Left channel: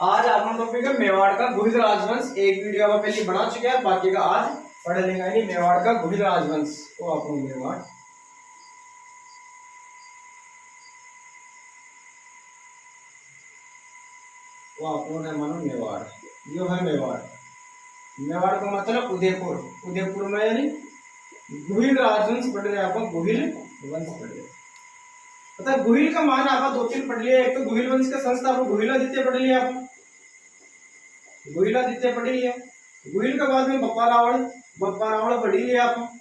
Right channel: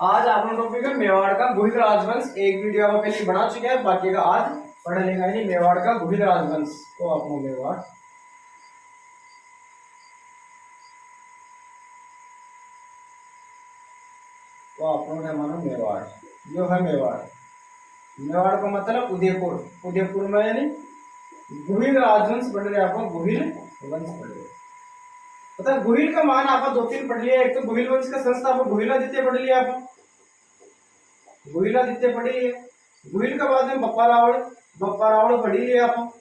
आज अपना टॉपिक है मेवाड़ का गुहिल राजवंश। एक वीडियो आप पहले बना चुके हैं, बाकी का आज पढ़ लेंगे। नहीं, मेवाड़ का गुहिल राजवंश तो अपनो मेवाड़ तो अपनो ने मानो मेवाड़ जो है मेवाड़। मेवाड़ का मतलब उदयपुर। उदयपुर में यानी गुहिल राजवंश पढ़ रहे, आप गुहिल वंश पढ़ रहे। पता गुहिल का मान आप दो तीन पढ़ लिया। एक तो गुहिल वंश का संस्थापक गुहिलादित्य पढ़ लिया, आप गुहिलादित्य पढ़ लिया। गुहिल के बाद में बप्पा रावण पढ़ी लिया। आप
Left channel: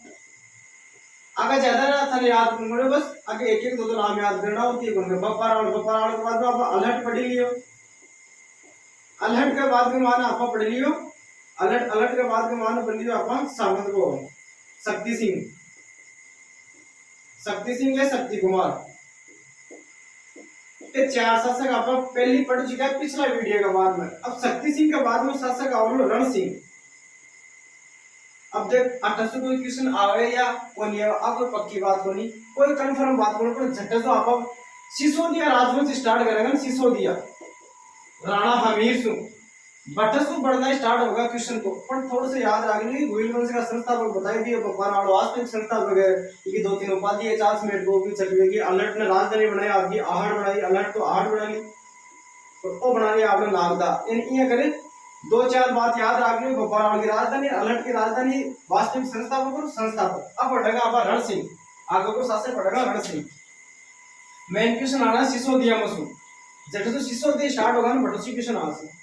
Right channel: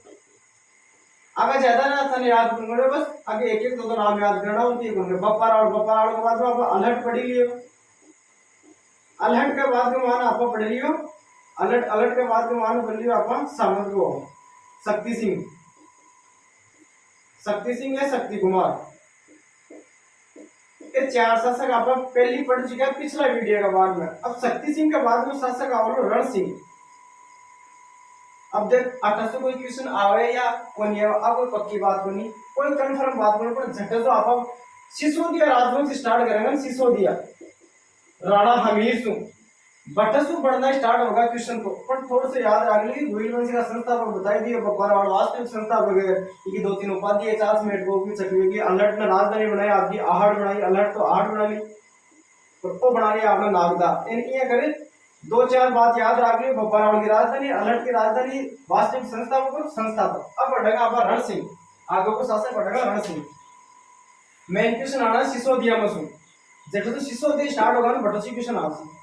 आगे ज्यादा ना था याद करो, बस आगे एक एक दो नाम याद करना होती है। बप्पा रावण के बाद में आप अलहट पढ़ी लियो। अलहट के बाद में मान आप पढ़ लियो अलहट के बाद में मान पढ़ लियो आप सामंत को शक्ति सिंह या शक्ति कुमार। ये चार शासक आप पहले पढ़ चुके हैं पिछला वीडियो के बाद में। अब शक्ति सिंह के बाद में शासक और रण सिंह। अब देख 1800 कोई क्वेश्चन आवे या कोई अब कोई पक्की बात होनी, कोई कंफर्म बात होनी, पर झट से आप सिसोदिया राजवंश स्टार्ट करेंगे। सिसोदिया राणा हमीर सु बटसु बढ़ना स्टार्ट होगा क्वेश्चन को, पर थोड़ा सा याद रख ली। गुहिल वंश का संस्थापक बताई दिए, बप्पा रावण वास्तविक संस्थापक है। ये दो तीन उपाधि है, 40 मिनट को भी चकवे की। अलर्ट ने राजधानी बनाई आपकी, आहड़ बनाई। अलर्ट तो आहड़ बना ली, तो बना लिया आपने नागदा। इन ये करे दो चार बात याद रख ली। बप्पा रावण की राजधानी, अलर्ट की राजधानी, वास्तविक संस्थापक और संस्थापक। अब बढ़ेगा आप रण सिंह, आगे को शासक बढ़ेगा रण सिंह। मेन क्वेश्चन आना सिसोदिया में सु जब तो सिसोदिया स्टार्ट होगा ना बटसी क्वेश्चन आ सी।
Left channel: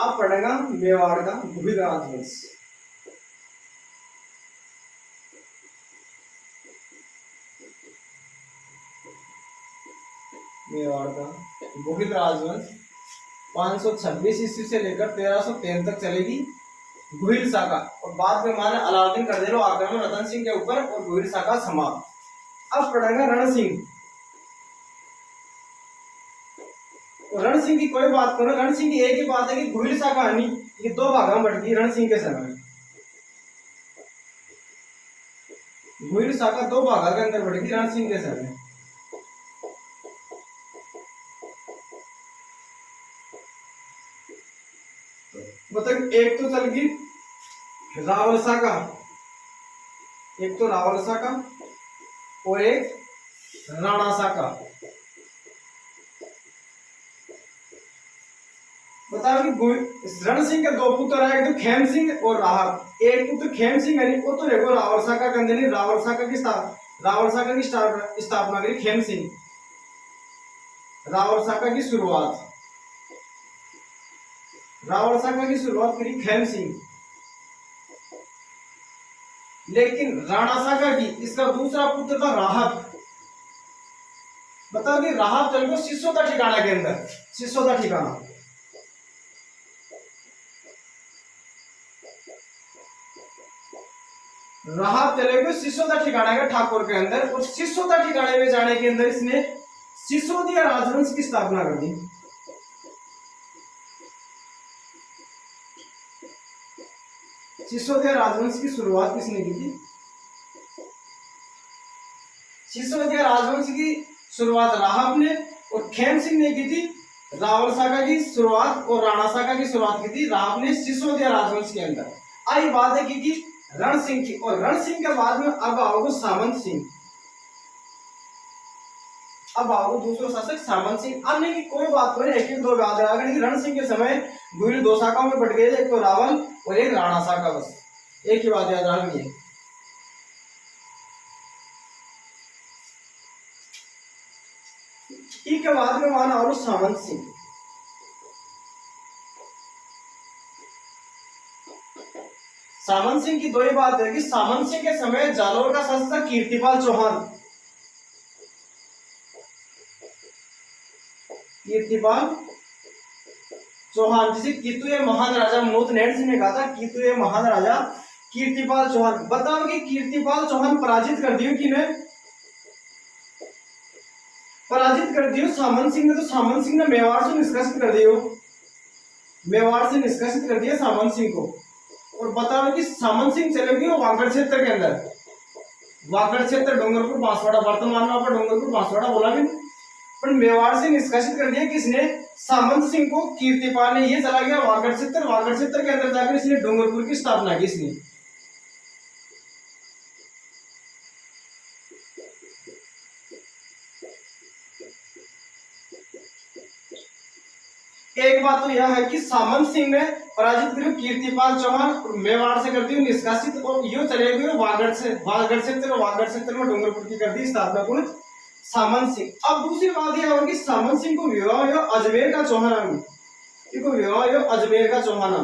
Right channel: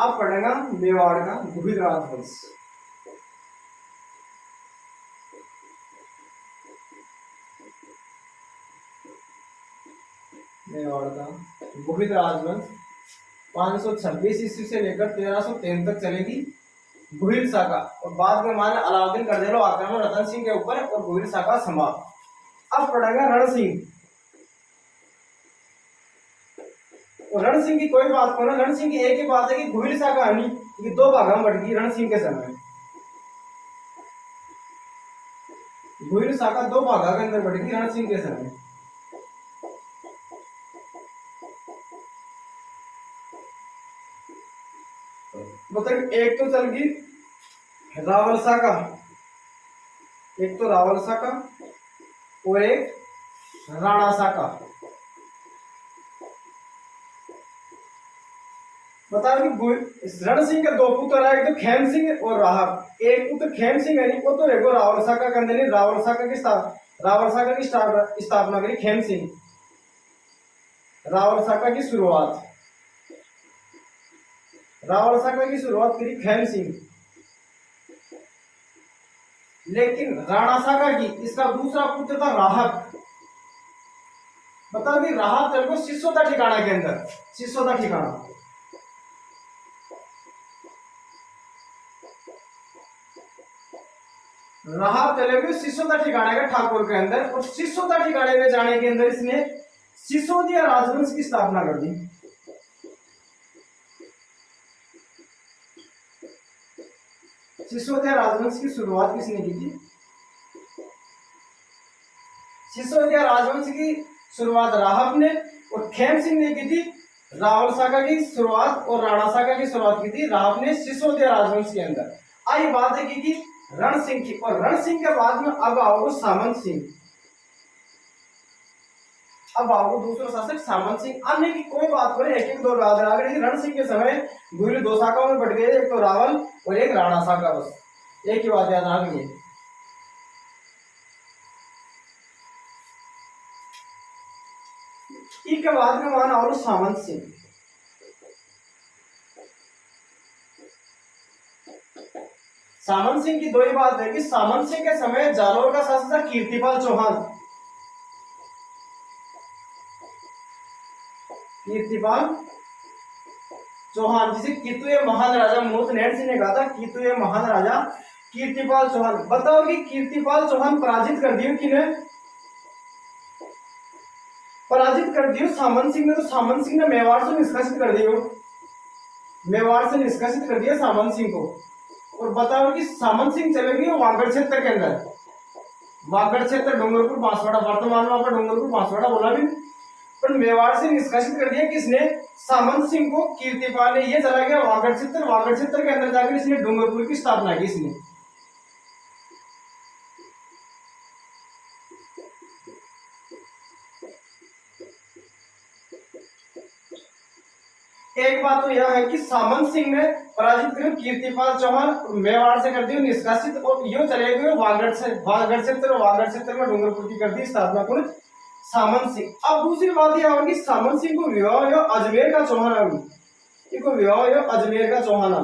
अब पढ़ेगा मेवाड़ का गुहिल राजवंश। मेवाड़ का गुहिल राजवंश 526 ईस्वी से लेकर 1303 तक चलेगी गुहिल शाखा, और बाद में माने अलाउद्दीन कर दे लो आक्रमण रतन सिंह के ऊपर और गुहिल शाखा समाप्त। अब पढ़ेगा रण सिंह। रण सिंह की कोई बात करो, रण सिंह की एक ही बात है कि गुहिल शाखा है ये दो भागों में बढ़ गई रण सिंह के समय। गुहिल शाखा दो भागों के अंदर बढ़ गई रण सिंह के समय। मतलब एक तो चल गई रावल शाखा, एक तो रावल शाखा और एक राणा शाखा। बता कि रण सिंह के दो पुत्र है, एक तो खेम सिंह और राहब। एक पुत्र खेम सिंह है वो तो रेगो रावल शाखा के अंदर रावल शाखा की स्थापना करी खेम सिंह। रावल शाखा की शुरुआत करी खेम सिंह। लेकिन राणा शाखा की इसका दूसरा पुत्र था राहब। बताओ कि राहब चल गो सिसोदा ठिकाना के अंदर। सिसोदा ठिकाना राहब चले गए सिसोदा ठिकाना के ठाकुर के अंदर, और सिसोदा ठिकाने में जाने के अंदर इसने सिसोदिया राजवंश की स्थापना कर दी। सिसोदिया राजवंश की शुरुआत किसने की थी? सिसोदिया राजवंश की शुरुआत राहब ने और खेम सिंह ने की थी। रावल शाखा की शुरुआत और राणा शाखा की शुरुआत की थी राहब ने सिसोदिया राजवंश के अंदर। आई बात है कि रण सिंह की, और रण सिंह के बाद में अब आओगे सामंत सिंह। अब आओ दूसरा शासक सामंत सिंह। अन्य की कोई बात करें, एक एक दो बात है। रण सिंह के समय गुहिल दो शाखाओं में बढ़ गए, एक तो रावल और एक राणा शाखा। बस एक ही बात याद रखनी है। के बाद में माना और सामंत सिंह। सामंत सिंह की दो ही बात है कि सामंत सिंह के समय जालोर का शासक था कीर्तिपाल चौहान। कीर्तिपाल चौहान जिसे कितुए महान राजा मोत नेट सिंह ने कहा था, कितुए महान राजा कीर्तिपाल चौहान। बताओ कि कीर्तिपाल चौहान पराजित कर दियो किने? पराजित कर दियो सामंत सिंह ने। तो सामंत सिंह ने मेवाड़ से निष्कासित कर दियो, मेवाड़ से निष्कासित कर दिया सामंत सिंह को। और बताओ कि सामंत सिंह चले गए वागड़ क्षेत्र के अंदर, वागड़ क्षेत्र डूंगरपुर बांसवाड़ा, वर्तमान में आपका डूंगरपुर बांसवाड़ा बोला भी नहीं। पर मेवाड़ से निष्कासित कर दिया किसने, सामंत सिंह को। कीर्तिपाल ने, ये चला गया वागड़ क्षेत्र, वागड़ क्षेत्र के अंदर जाकर इसने डूंगरपुर की स्थापना की इसने। एक बात तो यह है कि सामंत सिंह ने पराजित करो कीर्तिपाल चौहान, मेवाड़ से कर दी निष्कासित, और यो चले गए वागड़ से, वागड़ क्षेत्र में डूंगरपुर की कर दी स्थापना कौन, सामंत सिंह। अब दूसरी बात यह है कि सामंत सिंह को विवाह यो अजमेर का चौहान, इनको विवाह यो अजमेर का चौहान,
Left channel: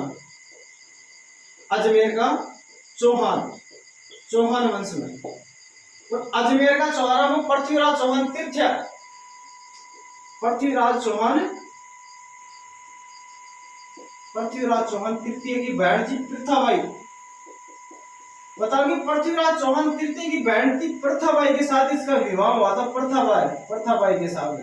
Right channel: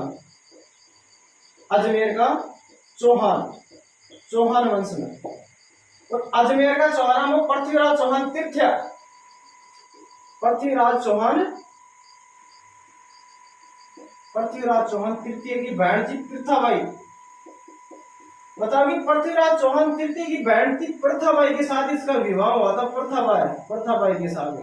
अजमेर का चौहान, चौहान वंश में। और अजमेर का चौहान में पृथ्वीराज चौहान तृतीय, पृथ्वीराज चौहान, पृथ्वीराज चौहान तृतीय की बहन थी प्रथाबाई। बताओ कि पृथ्वीराज चौहान तृतीय की बहन थी प्रथाबाई के साथ इसका विवाह हुआ था, प्रथाबाई के साथ,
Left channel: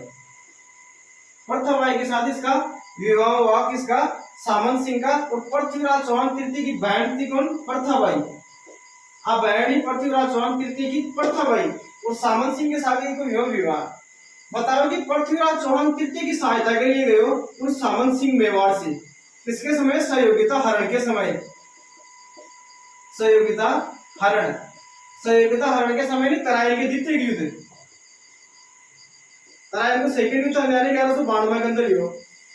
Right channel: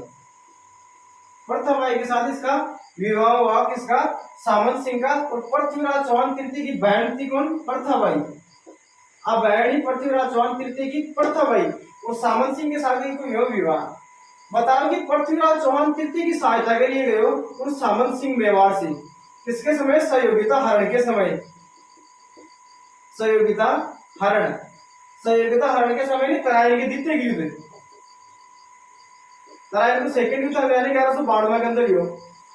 प्रथाबाई के साथ इसका विवाह हुआ किसका, सामंत सिंह का। और पृथ्वीराज चौहान तृतीय की बहन थी कौन, प्रथाबाई। अब बहन ही पृथ्वीराज चौहान तृतीय की प्रथाबाई और सामंत सिंह के साथ इनको विवाह। बताओ कि पृथ्वीराज चौहान तृतीय की सहायता के लिए गए उन सामंत सिंह मेवाड़ से, किसके समय, सहयोगिता हरण के समय, सहयोगिता हरण, सहयोगिता हरण के समय नहीं, तराइन के द्वितीय युद्ध, तराइन को सेकंड युद्ध था 1192 के अंदर यो।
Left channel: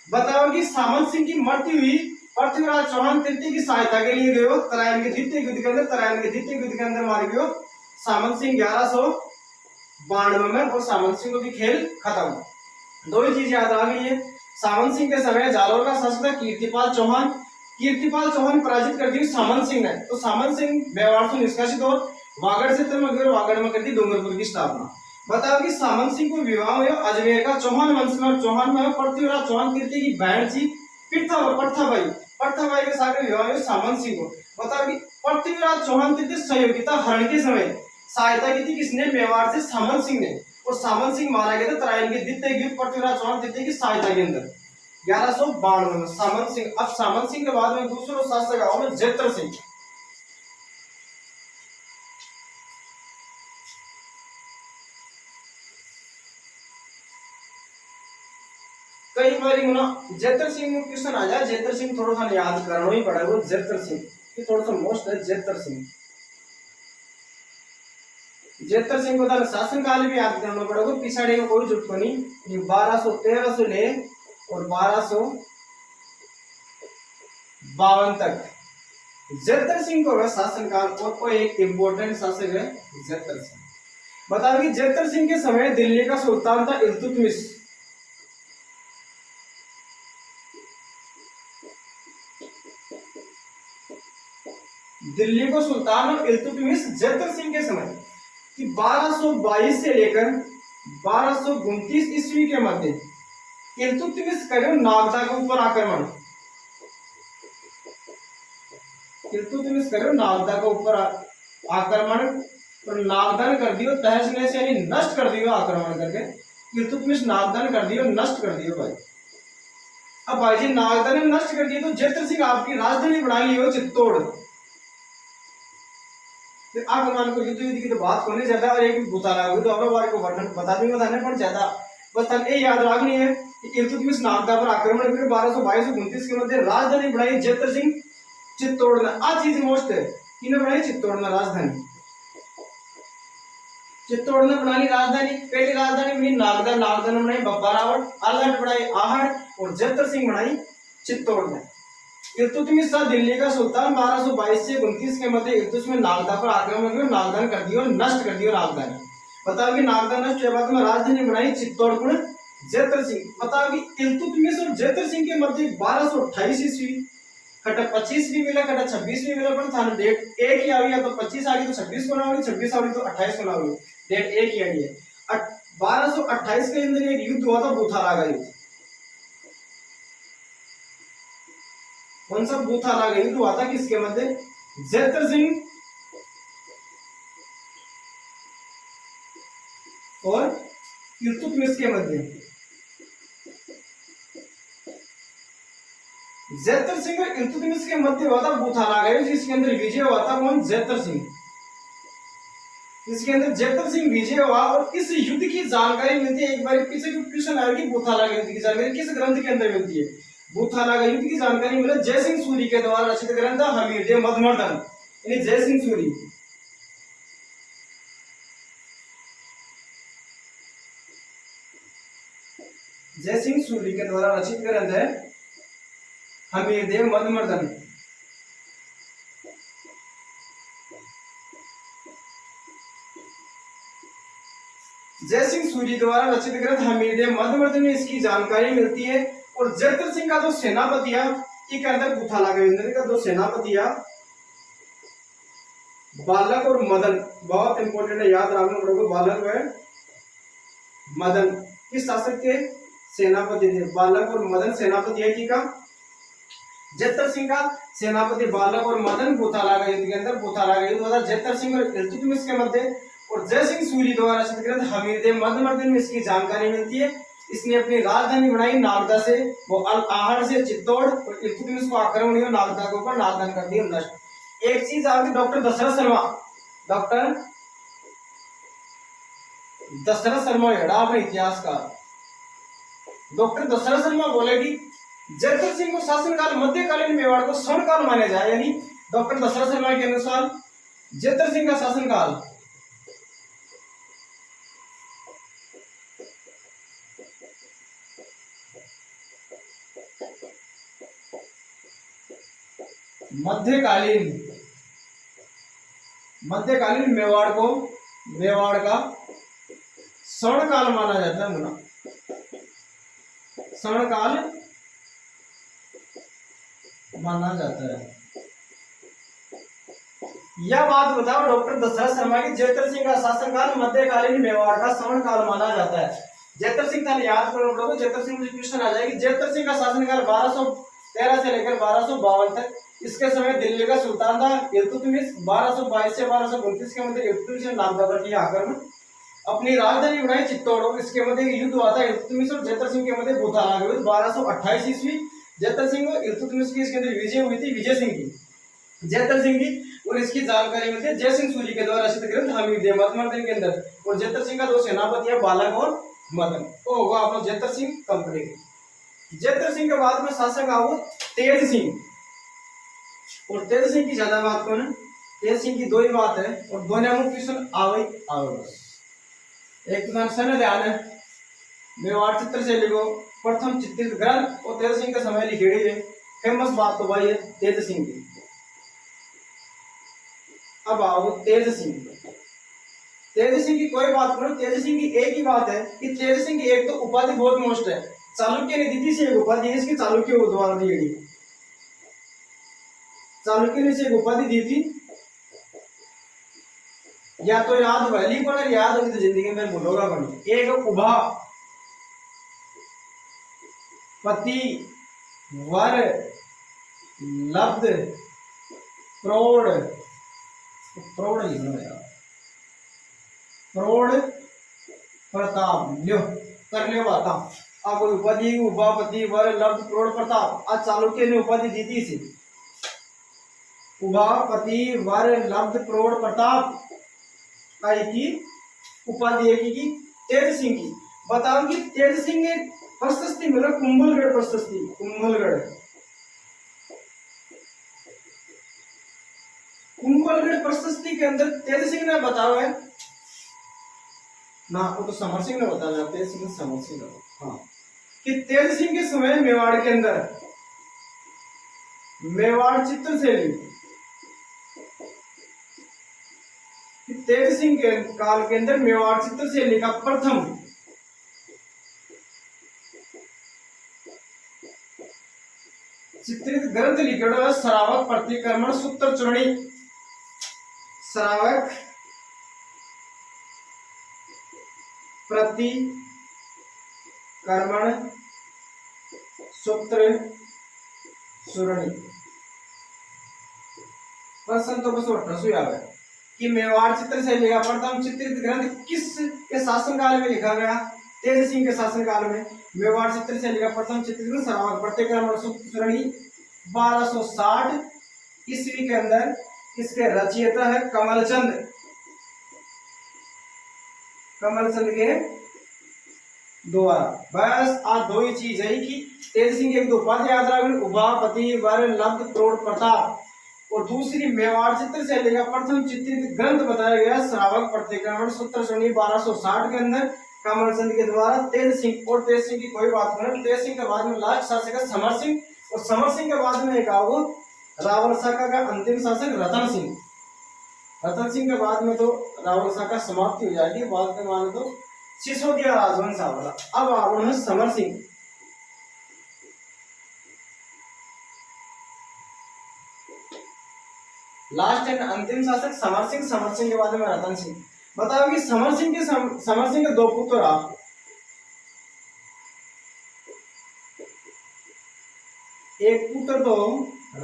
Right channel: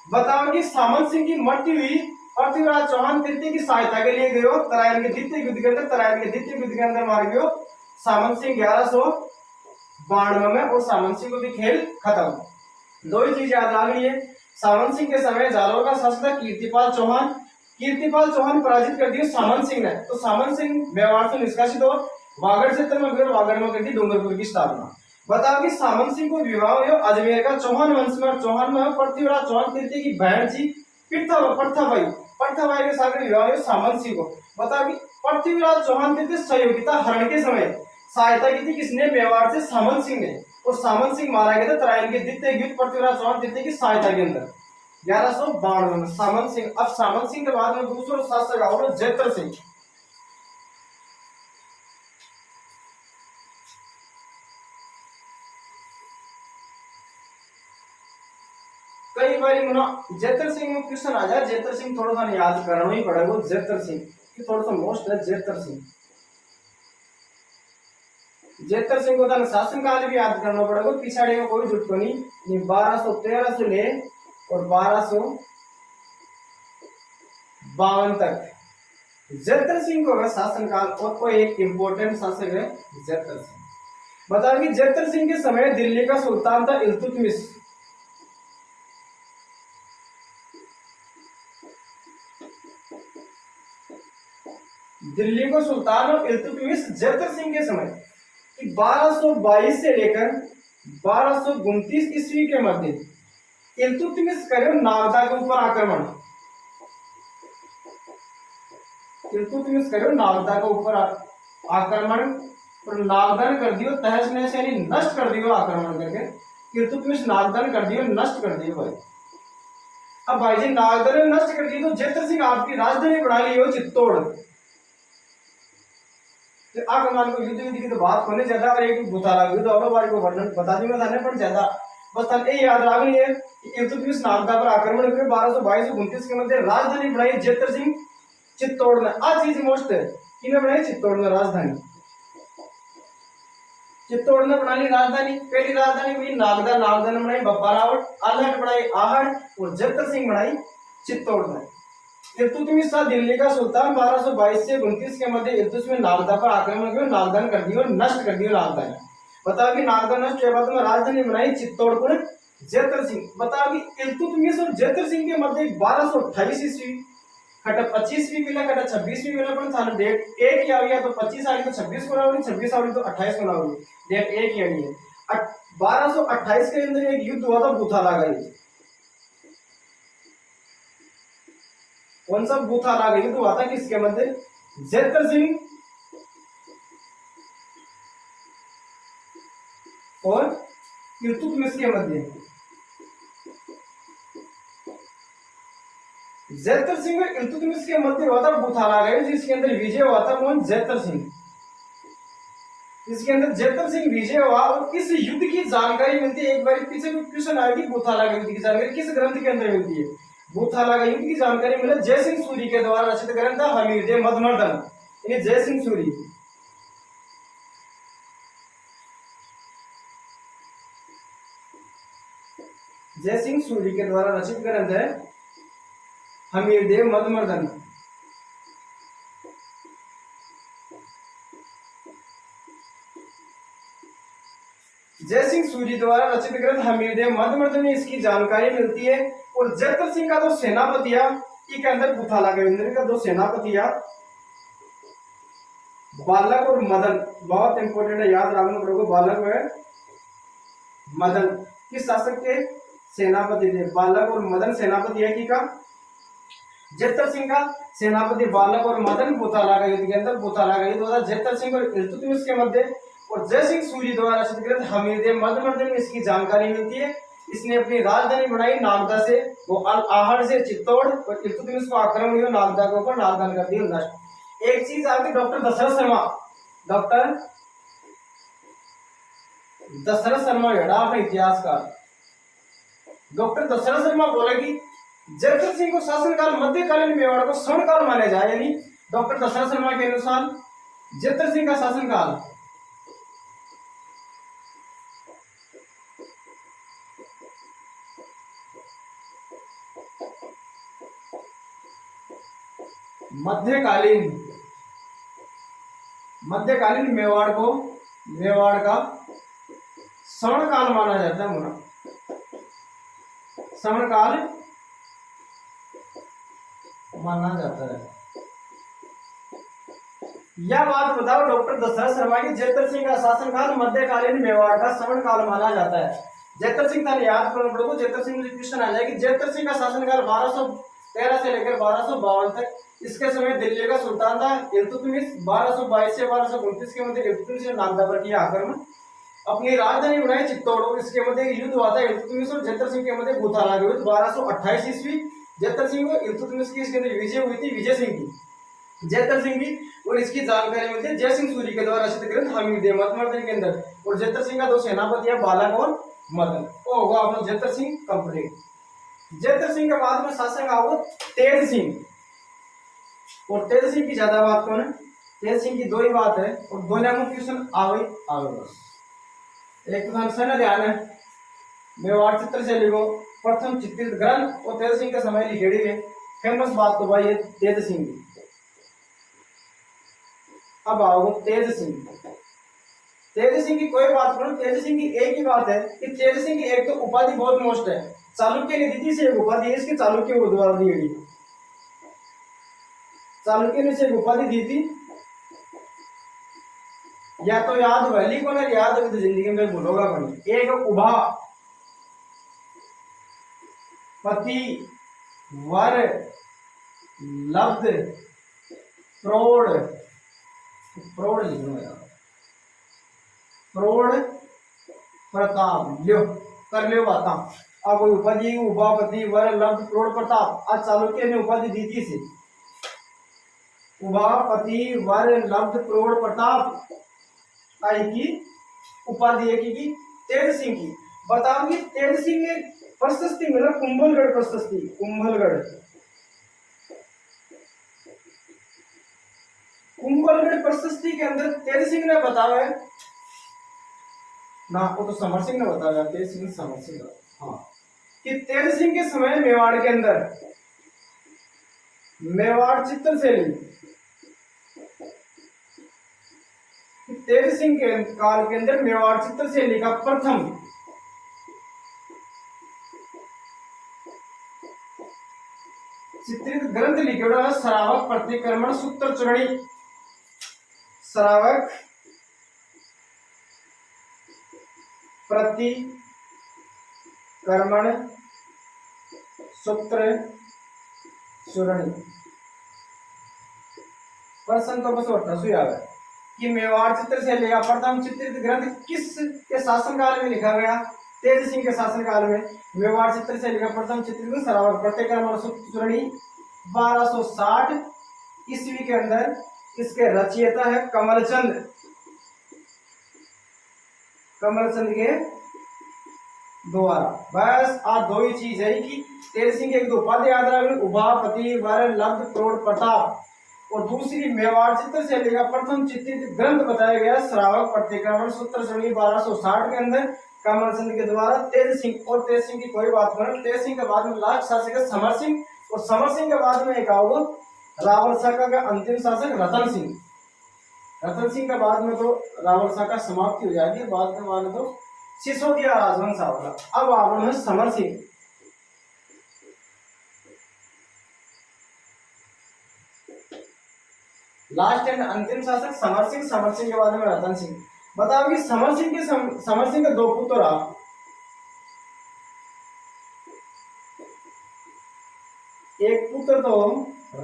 बताओ कि सामंत सिंह की मृत्यु हुई पृथ्वीराज चौहान तृतीय की सहायता के लिए गए तराइन के द्वितीय युद्ध के अंदर, तराइन के द्वितीय युद्ध के अंदर मार गयो सामंत सिंह 1192 में, और सामंत सिंह को भी खेल खत्म। दो ही चीज याद आ गई है, सामंत सिंह के समय जालोर का शासक था कीर्तिपाल चौहान, कीर्तिपाल चौहान पराजित कर दी सामंत सिंह ने, तो सामंत सिंह मेवाड़ से निष्कासित और वागड़ क्षेत्र में गए, वागड़ में कर दी डूंगरपुर की स्थापना। बताओ कि सामंत सिंह को विवाह हुआ अजमेर का चौहान वंश में, चौहान में पृथ्वीराज चौहान तृतीय की बहन थी प्रथाबाई, प्रथाबाई के साथ विवाह हुआ सामंत सिंह को। बताओ कि पृथ्वीराज चौहान तृतीय सहयोगिता हरण के समय सहायता की थी किसने, मेवाड़ से सामंत सिंह ने, और सामंत सिंह मारा गया था तराइन के द्वितीय युद्ध पृथ्वीराज चौहान तृतीय की सहायता के अंदर 1192 में सामंत सिंह। अब सामंत सिंह के बाद में दूसरा शासक आओ जैत्र सिंह। कई बार जैत्र सिंह में क्वेश्चन आ जाए, जैत्र सिंह थोड़ा सा याद करना ही पड़ेगा, जैत्र सिंह थोड़ा सा मोस्ट है। जैत्र सिंह, जैत्र सिंह को तो शासन काल भी याद करना पड़ेगा, पिछाड़ी में कोई जुट को नहीं। 1213 से ले और 1252 तक जैत्र सिंह को शासन काल, और कोई एक इंपोर्टेंट शासक है जैत्र सिंह। बताओ कि जैत्र सिंह के समय दिल्ली का सुल्तान था इल्तुतमिश, दिल्ली को सुल्तान और इल्तुतमिश जैत्र सिंह के समय कि 1222 से लेकर 1229 ईस्वी के मध्य इल्तुतमिश करे नागदा के ऊपर आक्रमण, इल्तुतमिश करे नागदा के ऊपर आक्रमण और नागदान कर दियो, तहस नहस यानी नष्ट कर दियो, आक्रमण करके इल्तुतमिश नागदान कर दियो, नष्ट कर दियो भाई। अब भाई जी नागदा ने नष्ट कर दिया तो जैत्र सिंह आपकी राजधानी बना ली हो चित्तौड़। तो आगमन को युद्ध विधि की तो बात होने ज्यादा, और एक भूताला युद्ध और बार को वर्णन बता दूंगा थाने पर ज्यादा, बस थाने याद रखनी है कि इल्तुतमिश नागदा पर आक्रमण करके 1222 से 29 के मध्य राजधानी बनाई जैत्र सिंह चित्तौड़ में। आ चीज मोस्ट है किने बनाई चित्तौड़ में राजधानी, चित्तौड़ ने बना ली राजधानी। पहली राजधानी बनी नागदा, नागदा ने बनाई बब्बारावट, आल्हा ने बनाई आहड़ और जैत्र सिंह बनाई चित्तौड़ में। इल्तुतमिश था दिल्ली का सुल्तान, 1222 से 29 के मध्य इल्तुतमिश नागदा पर आक्रमण किया, नागदा कर दिया, नष्ट कर दिया नागदा ने। बताओ कि नागदा नष्ट के बाद में राजधानी बनाई चित्तौड़ को जैत्र सिंह। बताओ कि इल्तुतमिश और जैत्र सिंह के मध्य 1228 ईस्वी खटा 25 भी मिला, खटा 26 भी मिला, पर थाने डेट एक ही आ गया, तो 25 आ गई तो 26 को ना होगी, 26 आ गई तो 28 को ना होगी, डेट एक ही आनी है। 1228 के अंदर एक युद्ध हुआ था बूथाला का युद्ध। कौन सा बूथाला का युद्ध हुआ था, किसके मध्य, जैत्र सिंह और इल्तुतमिश के मध्य। जैतर सिंह और इल्तुतमिश के मध्य हुआ था बुथानागायुज, जिसके अंदर विजय हुआ था कौन? जैतर सिंह। इसके अंदर जैतर सिंह विजय हुआ। और इस युद्ध की जानकारी मिलती है, एक बार पीछे क्वेश्चन आया कि बुथानागा युद्ध की जानकारी किस ग्रंथ के अंदर मिलती है? बुथानागा युद्ध की जानकारी मिला जय सिंह सूरी के द्वारा रचित ग्रंथ हमीरदेव मधुमर्दन, यानी जय सिंह सूरी। जय सिंह सूरी के द्वारा रचित ग्रंथ है हमीरदेव मधुमर्दन। जय सिंह सूरी द्वारा रचित ग्रंथ हमीरदेव मधुमर्दन में इसकी जानकारी मिलती है। और जैतर सिंह का जो सेनापति है, के अंदर बुथानागा का दो सेनापति है, बालक और मदन, बहुत इंपॉर्टेंट है, याद रखना पड़ेगा। बालक है मदन किस शासक के सेनापति थे? बालक और मदन सेनापति है का जैतर सिंह का सेनापति बालक और मदन बुथानागा युद्ध के अंदर बुथानागा युद्ध होता है जैतर सिंह और इल्तुतमिश के मध्य। और जय सिंह सूरी द्वारा रचित ग्रंथ हमीरदेव मधुमर्दन में इसकी जानकारी मिलती है। इसने अपनी राजधानी बनाई नागदा से, वो अल आहड़ से चित्तौड़, और इल्तुतमिश को आक्रमण हुआ नागदा के ऊपर, नागदा कर दिया नष्ट। एक चीज आगे डॉक्टर दशरथ शर्मा, डॉक्टर दशरथ शर्मा हेड़ा अपने इतिहास का। डॉक्टर दशरथ शर्मा बोला कि जैतर सिंह को शासनकाल मध्यकालीन मेवाड़ को स्वर्णकाल माना जाए, यानी डॉक्टर दशरथ शर्मा के अनुसार जैतर सिंह का शासनकाल मध्यकालीन मेवाड़ का स्वर्णकाल माना जाता है। स्वर्णकाल माना जाता है। यह बात बताओ डॉक्टर दशरथ शर्मा की जैतर सिंह का शासनकाल मध्यकालीन मेवाड़ का स्वर्णकाल माना जाता है। जैतर सिंह था याद करना पड़ेगा। जैतर सिंह मुझे क्वेश्चन आ जाएगी। जैतर सिंह का शासनकाल 1213 से लेकर 1252 तक। इसके समय दिल्ली का सुल्तान था इल्तुतमिश। 1222 से 1229 के मध्य इल्तुतमिश ने नागदा पर किया आक्रमण, अपनी राजधानी बनाई चित्तौड़। इसके मध्य युद्ध हुआ था इल्तुतमिश और जैतर सिंह के मध्य बुथानागा युद्ध 1228 ईस्वी। जैतर सिंह और इल्तुतमिश की इसके अंदर विजय हुई थी विजय सिंह की, जैतर सिंह की। और इसकी जानकारी मिलती है जय सिंह सूरी के द्वारा रचित ग्रंथ हमीरदेव मधुमर्दन के अंदर। और जैतर सिंह का दो सेनापति है बालक और मदन। वो होगा अपना जैतर सिंह कंप्लीट। जैतर सिंह के बाद में शासक आओ तेज सिंह। और तेज सिंह की ज्यादा बात कौन है? तेज सिंह की दो ही बात है और दो नंबर क्वेश्चन आवे बस। एक तो सन ध्यान है, मेवाड़ चित्र से लिखो प्रथम चित्रित ग्रंथ। और तेज सिंह के समय लिखेड़ी है फेमस बात तो भाई है तेज सिंह की। अब आओ तेज सिंह। तेज सिंह की कोई बात करो, तेज सिंह की एक ही बात है कि तेज सिंह की एक तो उपाधि बहुत मोस्ट है, चालुक्य ने दी थी से एक उपाधि है इसकी, चालुक्य को द्वारा दी गई। चालुक्य ने से एक उपाधि दी थी, या तो याद वैली को याद होगी तो जिंदगी में भूलोगा बनी। एक उभा पति वर लब्ध प्रौढ़, प्रौढ़ लिख लो यार, प्रौढ़ प्रताप लो कर लो बाता। आ कोई उपाधि उभापति वर लब्ध प्रौढ़ प्रताप, आज चालुक्य ने उपाधि दी थी इसे उभापति वर लब्ध प्रौढ़ प्रताप आई की उपाधि की तेज सिंह की। बताओ कि तेज सिंह ने प्रशस्ति मिला कुंभलगढ़ प्रशस्ति, कुंभलगढ़ प्रशस्ति के अंदर तेज सिंह ने बताया है ना, वो तो समर सिंह ने बताया, तेज सिंह समर सिंह, हाँ, कि तेज सिंह के समय मेवाड़ के अंदर मेवाड़ चित्रशैली, तेज सिंह के काल के अंदर मेवाड़ चित्रशैली का प्रथम चित्रित ग्रंथ लिखा है श्रावक प्रतिक्रमण सूत्र चूर्णी। श्रावक प्रतिक्रमण सूत्र चूर्णी। प्रश्न तो बस 1800 आवे कि मेवाड़ चित्रशैली का प्रथम चित्रित ग्रंथ किस के शासनकाल में लिखा गया? तेज सिंह के शासनकाल में मेवाड़ चित्रशैली का प्रथम चित्रित ग्रंथ श्रावक प्रतिक्रमण सूत्र चूर्णी 1260 ईस्वी के अंदर इसके रचयिता है कमलचंद। कमलचंद के द्वारा। बस आज दो ही चीज है कि तेज सिंह एक दो पद याद रखना, उभापति वर लब्ध प्रोढ़ प्रताप, और दूसरी मेवाड़ चित्र शैली का प्रथम चित्रित ग्रंथ बताया गया श्रावक प्रतिक्रमण सूत्र श्रेणी 1260 के अंदर कमलचंद के द्वारा। तेज सिंह, और तेज सिंह की कोई बात नहीं, तेज सिंह के बाद में लास्ट शासक है समर सिंह, और समर सिंह के बाद में एक आओ रावल शाखा का अंतिम शासक रतन सिंह। रतन सिंह के बाद में तो रावल शाखा समाप्ति हो जाएगी, बाद में माने तो सिसोदिया राजवंश आवला। अब आवरण है समर सिंह। लास्ट एंड अंतिम शासक समर सिंह, समर सिंह के बाद में रतन सिंह। बताओ कि समर सिंह के दो पुत्र आ, एक पुत्र तो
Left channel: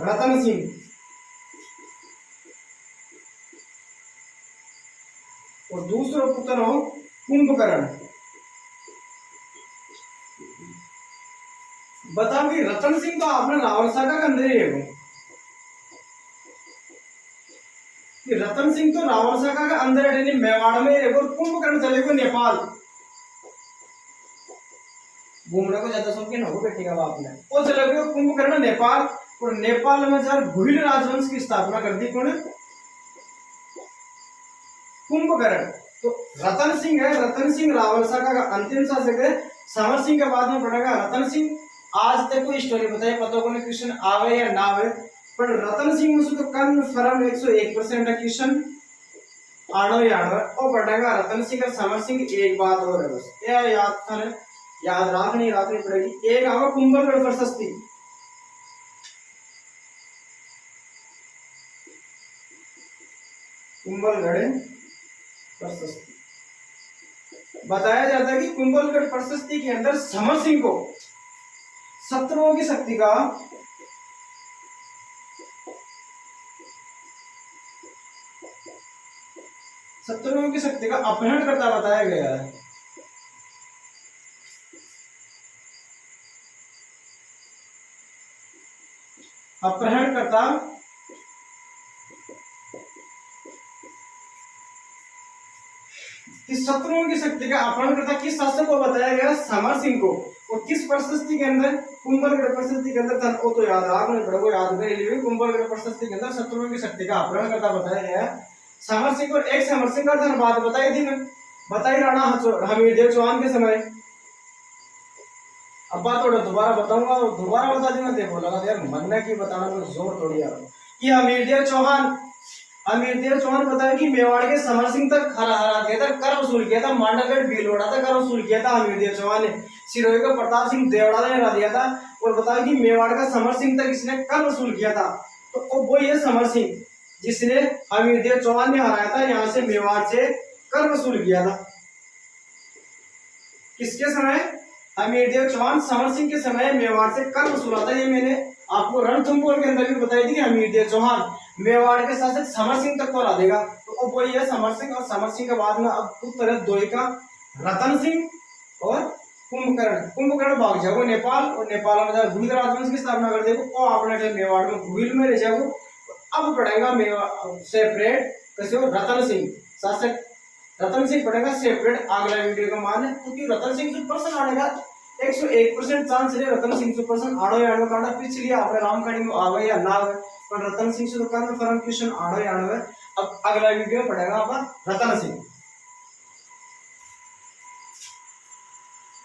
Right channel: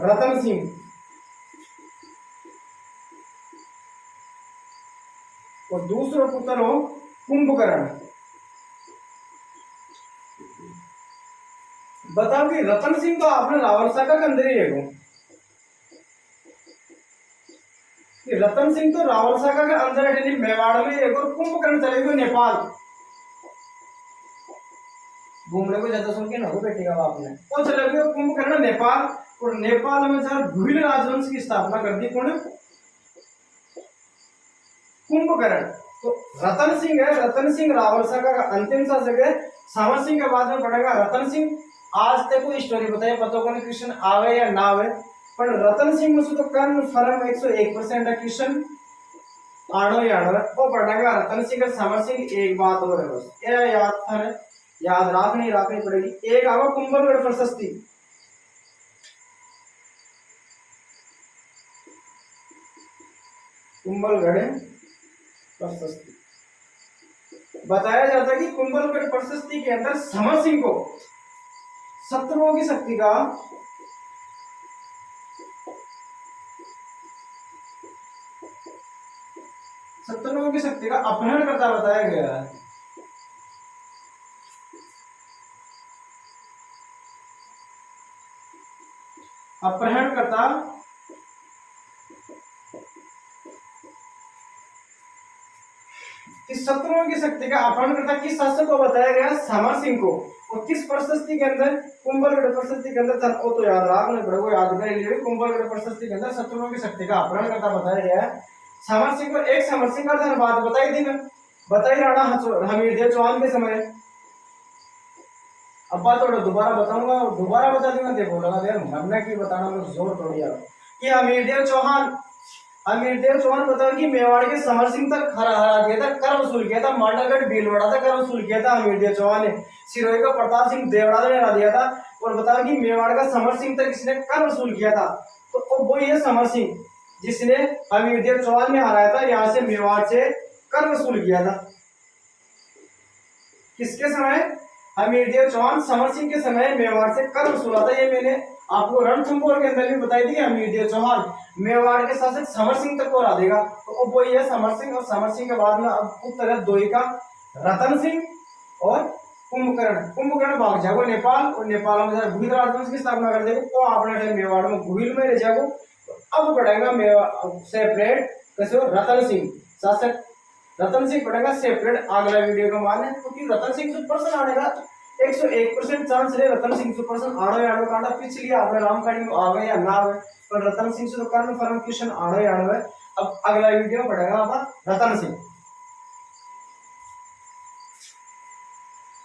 रतन सिंह और दूसरा पुत्र हो कुंभकर्ण। बताओ कि रतन सिंह तो आपने रावल शाखा के अंदर ही रहेगा, कि रतन सिंह तो रावल शाखा के अंदर है, मेवाड़ में एक, और कुंभकर्ण चले गए नेपाल। घूमने को ज्यादा शौकीन हो बेटे का बाप ने, वो चले गए कुंभकर्ण नेपाल, और नेपाल में जहाँ घुइल राजवंश की स्थापना कर दी कौन? कुंभकर्ण। तो रतन सिंह है, रतन सिंह रावल शाखा का अंतिम शासक है। समर सिंह के बाद में पड़ेगा रतन सिंह। आज तक कोई स्टोरी बताइए पता को क्वेश्चन आवे या ना आवे, पर रतन सिंह में तो कन्फर्म 101% है क्वेश्चन आनो या आनो है। और पड़ेगा रतन सिंह और समर सिंह। एक बात और है बस, ये याद था, याद रखनी पड़ेगी। एक आवा कुंभलगढ़ प्रशस्ति। कुंभलगढ़ प्रशस्ति बताया जाता है कि कुंभलगढ़ प्रशस्ति के अंदर समर सिंह को शत्रुओं की शक्ति का अपहरण करता बताया गया है। अपहरण करता किस शत्रुओं की शक्ति का अपहरण करता किस शासक को बताया गया? समर सिंह को। और किस प्रशस्ति के अंदर? कुंभलगढ़ प्रशस्ति के अंदर। वो तो याद रखना पड़ेगा, याद कर लिए। कुंभलगढ़ प्रशस्ति के अंदर शत्रुओं की शक्ति का अपहरण करता बताया गया है समर सिंह को। एक समर सिंह का बात बताई थी मैं, बताई राणा हमीरदेव चौहान के समय। अब बात थोड़ा दोबारा बताऊंगा, दोबारा बता दूंगा। देखो लगा यार मरना की बताना में जोर थोड़ी आ कि हमीरदेव चौहान बताया कि मेवाड़ के समर सिंह तक हरा दिया था, कर वसूल किया था। मांडलगढ़ भीलवाड़ा तक कर वसूल किया था हमीरदेव चौहान ने। सिरोही को प्रताप सिंह देवड़ा ने हरा दिया था। और बताया कि मेवाड़ का समर सिंह तक इसने कर वसूल किया था। तो वो ये समर सिंह जिसने हमीरदेव चौहान ने हराया था, यहाँ से मेवाड़ से कर वसूल किया था। किसके समय? हमीरदेव चौहान समर सिंह के समय मेवाड़ से कर वसूला था। ये मैंने आपको रणथंभौर के अंदर भी बताई थी कि हमीरदेव चौहान मेवाड़ के शासक समर सिंह तक को हरा देगा। तो वो ये समर सिंह, और समर सिंह के बाद में अब पुत्र है दो का रतन सिंह और कुंभकर्ण भाग जाओ नेपाल, और नेपाल में जाए भूल राजवंश की स्थापना कर देगा। तो आपने मेवाड़ में भूल में रह जाओ। अब पढ़ेगा मेवाड़ सेपरेट कैसे रतन सिंह शासक। रतन सिंह पढ़ेगा सेपरेट अगला वीडियो का मान है, क्योंकि रतन सिंह से प्रश्न आने का 101% चांस है। रतन सिंह से प्रश्न आड़ो या आड़ो कांडा पिछली आपने रामकाड़ी में आवे या ना आवे, पर रतन सिंह से तो कन्फर्म क्वेश्चन आड़ो या आड़ो है। अब अगला वीडियो पढ़ेगा आप रतन सिंह।